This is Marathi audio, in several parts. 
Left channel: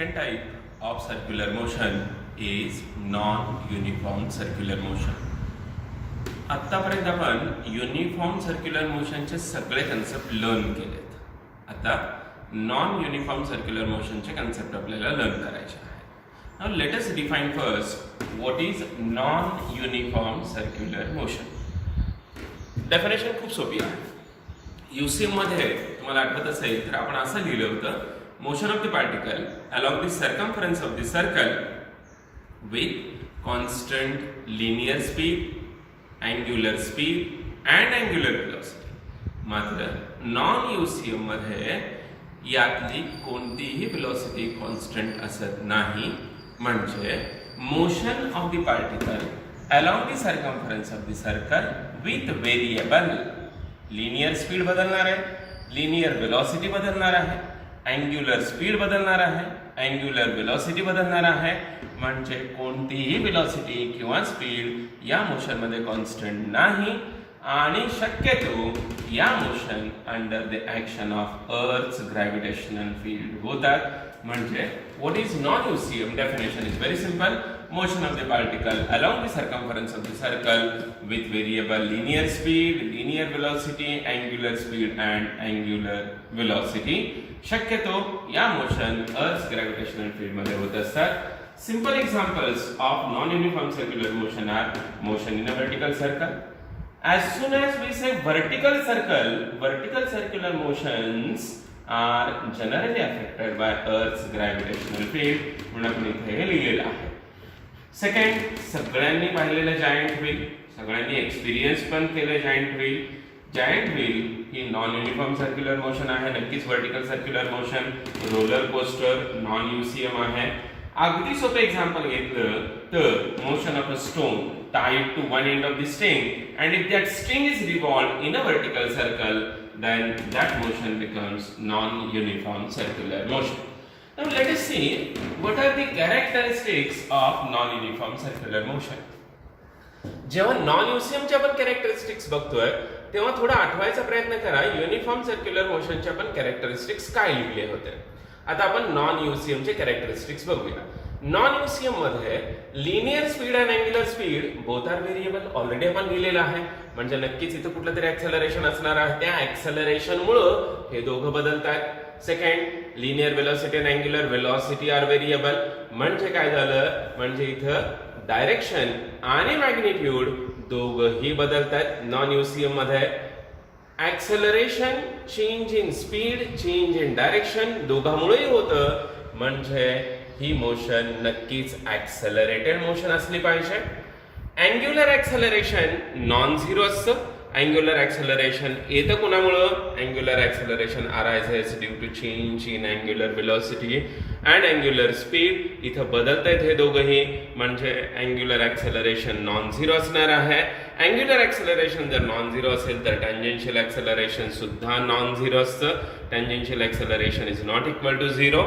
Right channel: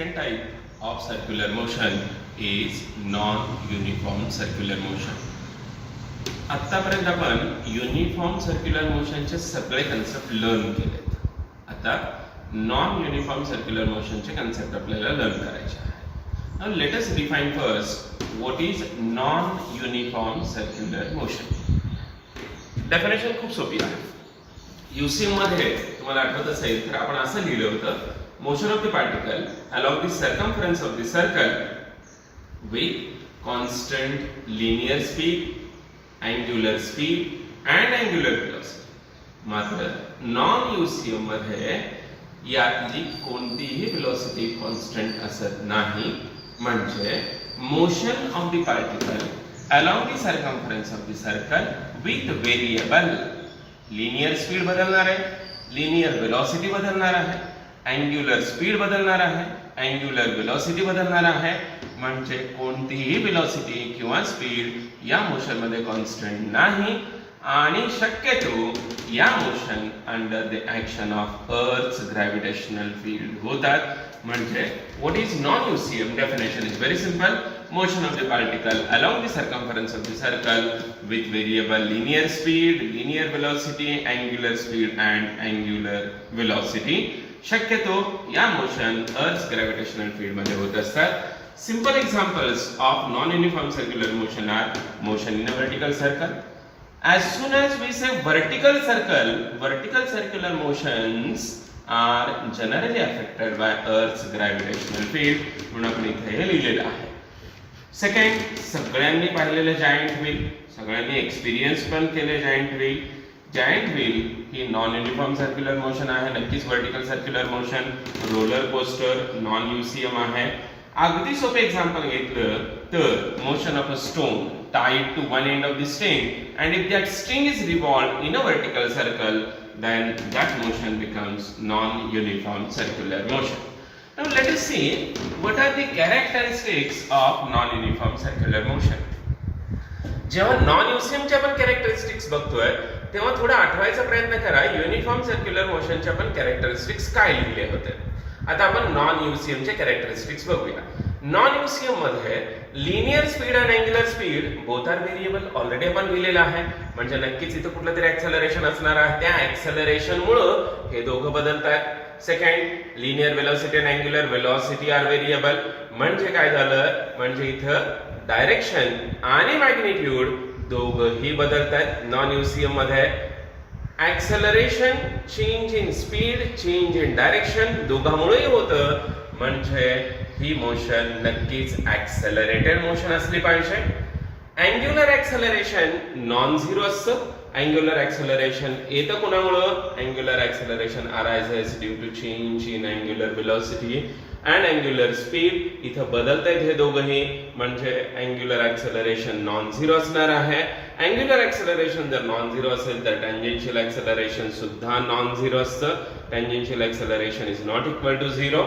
Second type of circular motion is non-uniform circular motion. आत्तापर्यंत आपण युनिफॉर्म सर्क्युलर मोशनचे सगळे कन्सेप्ट लर्न केलेत. आता नॉन युनिफॉर्म सर्क्युलर मोशनचे कन्सेप्ट आपल्याला लर्न करायचे आहे. Now let us define first what is non uniform circular motion. Definition खूप सोपी आहे. यूसीएम मध्ये तुम्हाला आठवत असेल तर आपण असं लिहिलं होतं, motion of the particle along the circumference of the circle with constant linear speed, angular speed and angular velocity. मात्र नॉन यूसीएम मध्ये यातली कोणतीही वेलोसिटी कॉन्स्टंट असत नाही. म्हणजे motion of the particle along the circumference of the circle with variable linear speed बदलणार आहे, linear velocity बदलणार आहे, अँग्युलर स्पीड बदलणार आहे, अँग्युलर वेलोसिटी बदलणार आहे. म्हणजे कोणतीही वेलोसिटी किंवा स्पीड या मोशन मध्ये कॉन्स्टंट नाही आणि शक्यतो या motion under the action of earth's gravitational field होतात. म्हणजे what is non UCM definition is very simple. Motion of the particle along the circumference of the circle with variable linear speed, linear velocity, angular speed and angular velocity. शक्यतो या मोशन अर्थ ग्रॅव्हिटेशनल फील्ड मध्ये होत असतात. Simple examples of non uniform circular motion are motion in a vertical circle. As soon as we say vertical circle, vertical circular motions are generally affected by Earth's gravitational field. म्हणून आपण इथे हे लिहिलेलं आहे. सेकंड, सगळ्यांनी पाहिलेलं जायंट व्हील, सगळ्यांनी एक्सपिरियन्स पण केले जायंट व्हील. जायंट व्हील ही नॉन युनिफॉर्म सर्क्युलर मोशन आहे, नक्कीच vertical circular motion. Roller coaster non UCM आहे. अगदी सोपे एक्झाम्पल घेतलं तर motion of a stone tied to one end of the string, and if that string is revolved in a vertical circle, then that motion becomes non-uniform circular motion. Now let us see what are the characteristics of non-uniform circular motion. जेव्हा नॉन यूसीएमचे आपण कॅरेक्टरिस्टिक्स बघतोय तेव्हा थोडा आठवायचा प्रयत्न करा युनिफॉर्म सर्क्युलर मोशनचे आपण कॅरेक्टरिस्टिक्स काय लिहिले होते. आता आपण नॉन यूसीएमचे कॅरेक्टरिस्टिक्स बघूया. नॉन यूसीएम मध्ये लिनियर स्पीड आणि angular speed both are variable already आपण लिहिलेलं आहे. म्हणजे नक्कीच इथं कुठलं तरी ऍक्सेलरेशन असणार आहे. त्या ऍक्सेलरेशन मुळे हे दोघं बदलतात. सेकंड, लिनियर वेलोसिटी आणि अँग्युलर वेलोसिटी आर व्हेरिएबल. म्हणजे काय झालं, म्हणजे इथं डायरेक्शन आणि मॅग्निट्यूड दोघंही बदलतात. नॉन यूसीएम मध्ये acceleration, change in speed, change in direction दोघांमुळे होतं. म्हणजे ही मोशन नक्कीच ऍक्सेलरेटेड मोशन असली पाहिजे. अँग्युलर ऍक्सेलरेशन नॉन झिरो असतं. अँग्युलर ऍक्सेलरेशन येतं कोणामुळं, angular acceleration arises due to change in angular velocity and angular speed. इथं बदलतायत हे दोघंही. म्हणजे अँग्युलर ऍक्सेलरेशन नॉन झिरो असणार आहे. अँग्युलर ऍक्सेलरेशन जर नॉन झिरो असेल तर टँजेन्शियल ऍक्सेलरेशन सुद्धा नॉन झिरो असतं. Tangential acceleration is not equal to zero.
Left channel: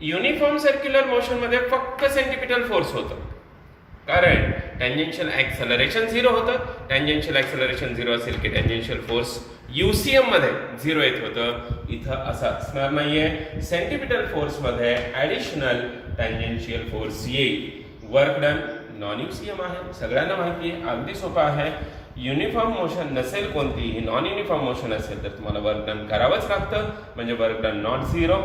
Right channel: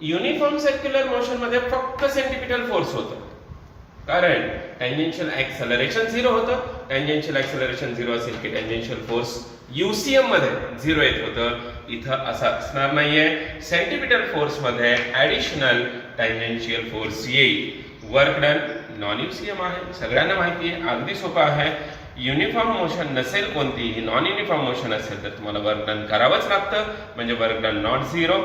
Uniform circular motion मध्ये फक्त सेंट्रिपिटल फोर्स होतं, कारण टँजेन्शियल ऍक्सेलरेशन झिरो होतं. टँजेन्शियल ऍक्सेलरेशन झिरो असेल की टँजेन्शियल फोर्स यूसीएम मध्ये झिरो येत होतं. इथं असं असणार नाहीये. सेंट्रिपिटल फोर्स मध्ये ऍडिशनल टँजेन्शियल फोर्स येईल. वर्क डन नॉन यूसीएम आहे, सगळ्यांना माहिती आहे, अगदी सोपं आहे. युनिफॉर्म मोशन नसेल कोणतीही, नॉन युनिफॉर्म मोशन असेल तर तुम्हाला वर्क डन करावंच लागतं. म्हणजे वर्क डन नॉट झिरो.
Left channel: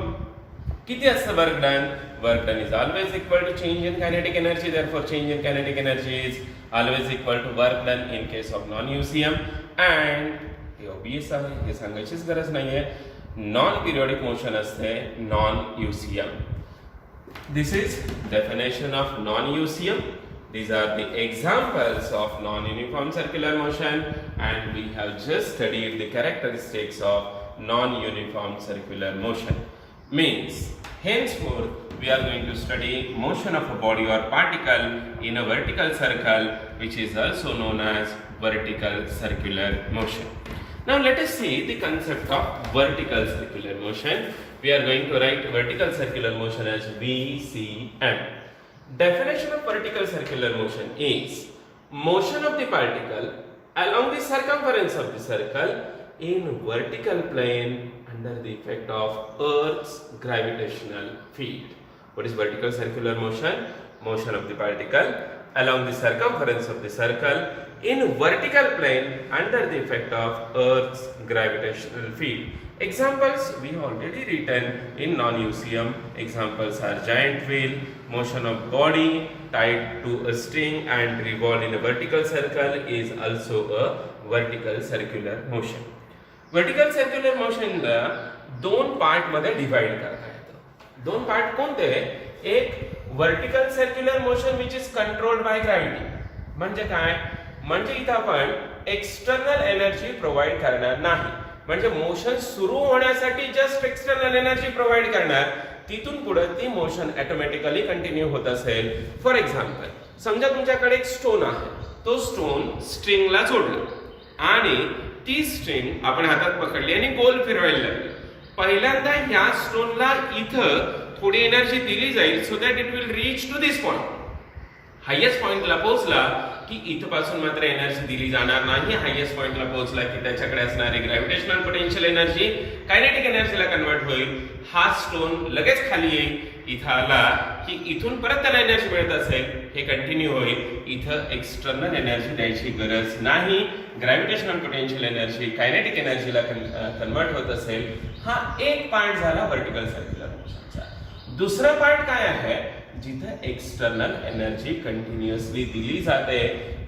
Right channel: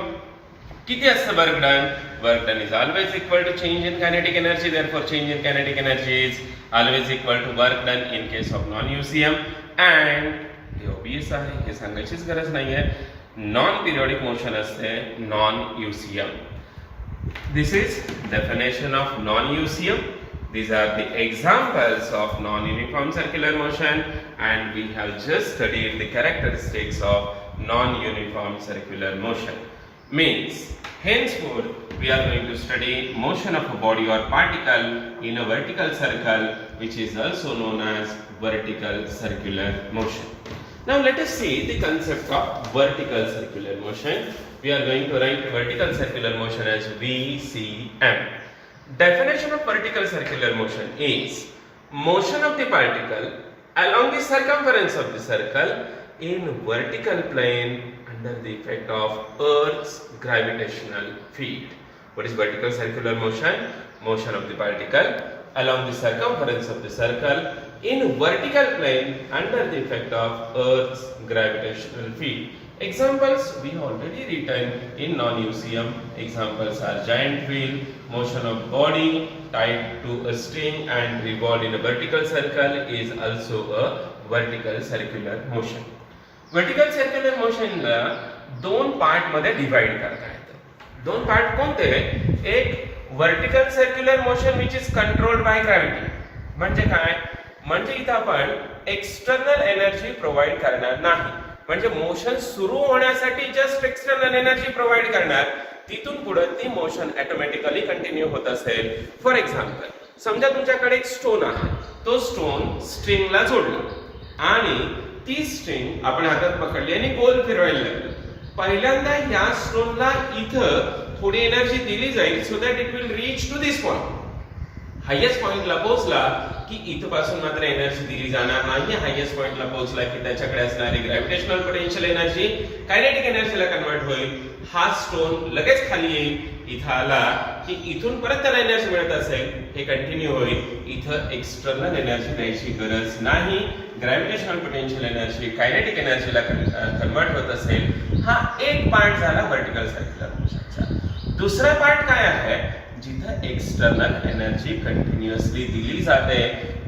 किती असतं work done? Work done is always equal to change in kinetic energy. Therefore change in kinetic energy is always equal to work done in case of non UCM. And हे ऑब्वियस आहे, हे सांगायचीच गरज नाहीये. नॉन पिरियोडिक मोशन असते non UCM. This is definition of non UCM. These are the examples of non-uniform circular motion, and we have just studied the characteristics of non-uniform circular motion. Means, henceforth, we are going to study motion of a body or particle in a vertical circle, which is also known as vertical circular motion. Now, let us see the concept of vertical circular motion. We are going to write vertical circular motion as VCM. Definition of vertical circular motion is motion of the particle along the circumference of the circle in vertical plane under the effect of Earth's gravitational field. What is vertical circular motion? Motion of the particle along the circumference of the circle in vertical plane under the effect of Earth's gravitational field. Examples we have already written in non-UCM. Examples are giant wheel, motion of body tied to a string and revolved in a vertical circle is also a vertical circular motion. Vertical circular motion ला दोन पार्ट मध्ये डिवाइड करता येतं. दोन पार्ट कोणते? एक vertical circular motion which is controlled by gravity. म्हणजे काय? म्हणजे इथं आपण एक्सटर्नल एनर्जी प्रोव्हाइड करणार नाही. म्हणजे मोशन सुरू होण्यासाठी जस्ट एक्सटर्नल एनर्जी प्रोव्हाइड करणार, तिथून पुढे ती मोशन ऑटोमॅटिकली कंटिन्यू होत असेल. फॉर एक्झाम्पल, समजा तुमच्याकडे एक स्टोन आहे, तो स्टोन स्ट्रिंगला जोडला आणि ती स्ट्रिंग आपण हातात पकडली आणि गोल फिरवायला लागली. पहिल्यांदा ह्या स्टोनला इथं थोडी एनर्जी दिली जाईल so that it will reach to this point. Highest पॉइंटला पोहोचला की इथपासून मात्र एनर्जी दिली जाणार नाही. हायेस्ट पॉइंटला पोहोचला की त्याच्याकडे असणारी ग्रॅव्हिटेशनल पोटेन्शियल एनर्जी कायनेटिक एनर्जीला कन्वर्ट होईल. हा स्टोन लगेच खाली येईल. इथं आला की इथून परत त्याला एनर्जी मिळत असेल, हे कंटिन्यू होईल. इथं एक्सटर्नल एनर्जी द्यायची गरज नाही. ग्रॅव्हिटेशनल पोटेन्शियल एनर्जी कायनेटिक एनर्जीला कन्वर्ट होत असेल. हा एक पार्ट झाला वर्टिकल सर्क्युलर मोशनचा. दुसरा पार्ट काय आहे? जिथं एक्सटर्नल एनर्जी कंटिन्युअसली दिली जाते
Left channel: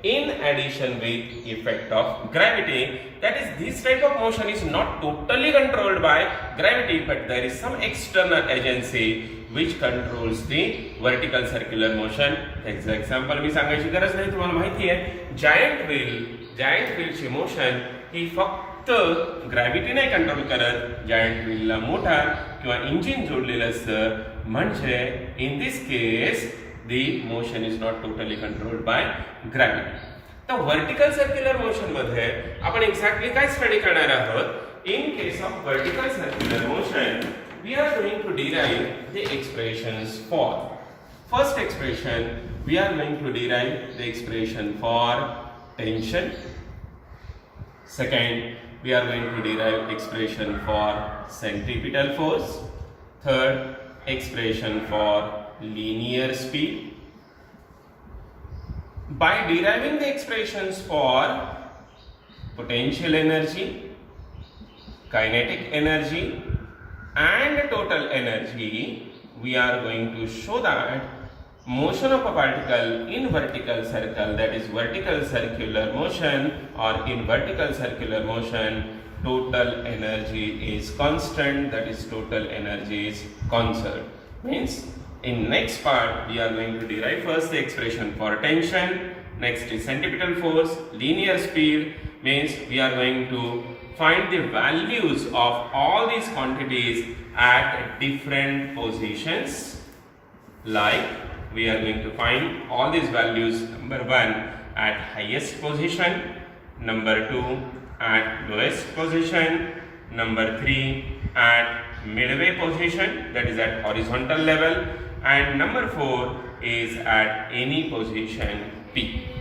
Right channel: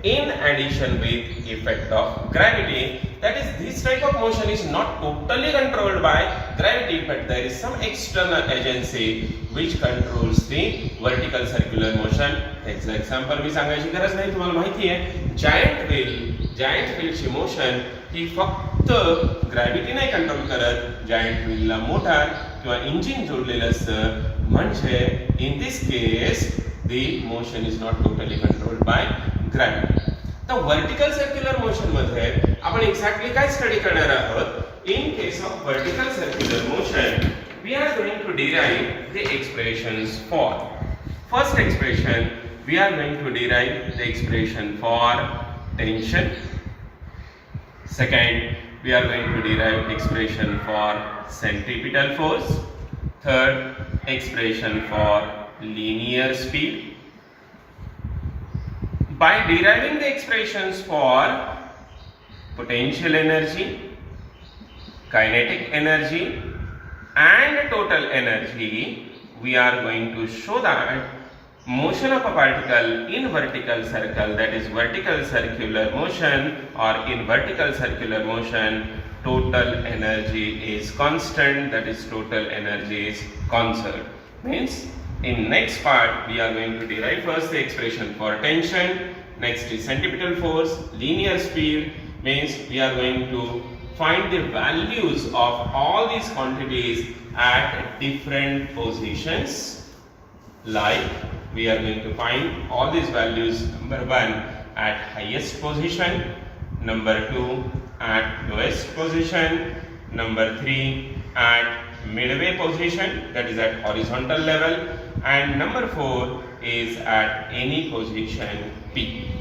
in addition with effect of gravity. That is, this type of motion is not totally controlled by gravity, but there is some external agency which controls the vertical circular motion. त्याचं एक्झाम्पल मी सांगायची गरज नाही, तुम्हाला माहिती आहे. जायंट व्हीलची मोशन ही फक्त ग्रॅव्हिटी नाही कंट्रोल करत. जायंट व्हीलला मोटार किंवा इंजिन जोडलेलं असतं. म्हणजे in this case the motion is not totally controlled by gravity. तर वर्टिकल सर्क्युलर मोशन मध्ये आपण एक्झॅक्टली काय स्टडी करणार आहोत? In case of vertical circular motion we are going to derive the expressions for. First expression, we are going to derive the expression for tension. Second, we are going to derive expression for centripetal force. Third, expression for linear speed. By deriving the expressions for potential energy, kinetic energy and total energy, we are going to show that motion of a particle in vertical circle, that is vertical circular motion, or in vertical circular motion, total energy is constant, that is total energy is conserved. Means in next part we are going to derive first the expression for tension, next is centripetal force, linear speed. Means we are going to find the values of all these quantities at different positions. Like we are going to find all these values, number 1 at highest position, number 2 at lowest position, number 3 at midway position, that is at horizontal level, and number 4 is at any position P.